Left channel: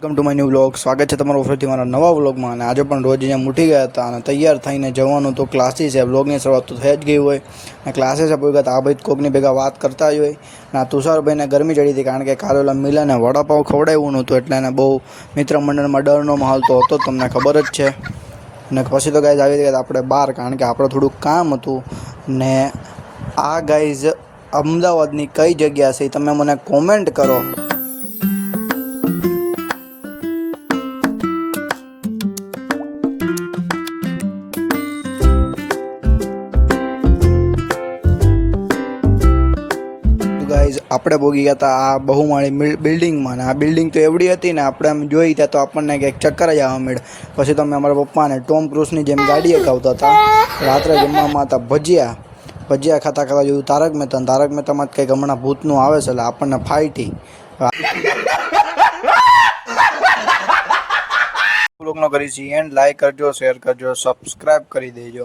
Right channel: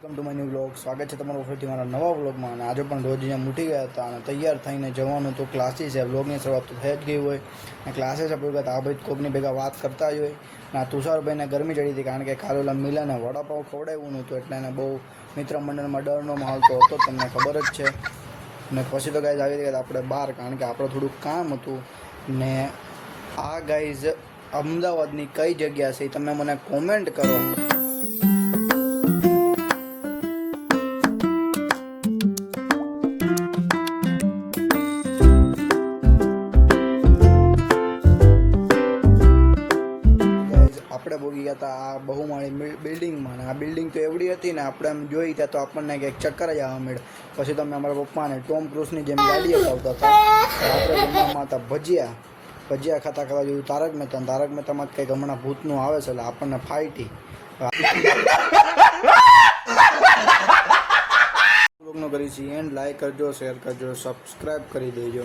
Welcome to my new vlog. સ્વાગત છે તમારું ફરીથી મારા નવા વ્લોગમાં. અને આજે પણ રોજ અહીંયા ઉઠી ગયા હતા અને તૈયાર થઈને જવાનું તો ક્લાસીસ છે. વ્લોગની શરૂઆત તો થઈ જ ગઈ હોય અને ક્લાસીસ પૂરી આ ભાઈ કોકની ભેગા વાત કરતા જ હોય. ના તુષારભાઈને ગરમી ચડી હતી કારણ કે કાલે ઓલા મિલાને વડાપાઉં ખવડાવ્યું નહોતું એટલે એને બહુ મિત્ર મંડળમાં ડરનો માહોલ તો હતો, તમને ખબર જ છે. અને પછી તો ગાઈઝ આવી ગયા આપણે બહાર કારણ કે આપણે થોડુંક કામ હતું. ને આ ગાઈઝ અમદાવાદની કઈ જગ્યા છે તમે મને કોમેન્ટ કરો. આપણે ભોગી ગયા હતા આ બહુમાળી બિલ્ડિંગમાં ને આ બિલ્ડિંગ તો એવડી હતી ને આપણે આમ જોઈ ત્યાં તો આપણને કંઈક ચક્કર જ આવવા મળે. પછી તો અમે અમારા પપ્પાને ટોમ ક્રૂઝની જેમ ગાડી હકાવતા હતા. રાત્રે જમવામાં હતા ભજીયા ખાતા જોયું તારક મહેતામાં કંઈક હમણાં ભૂતનું આવે છે એટલે આપણને ફાઈટી બ્લોગનો કરી છીએ એન્ડ લાઈક કરજો, શેર કરજો, સબસ્ક્રાઈબ કરી દેજો.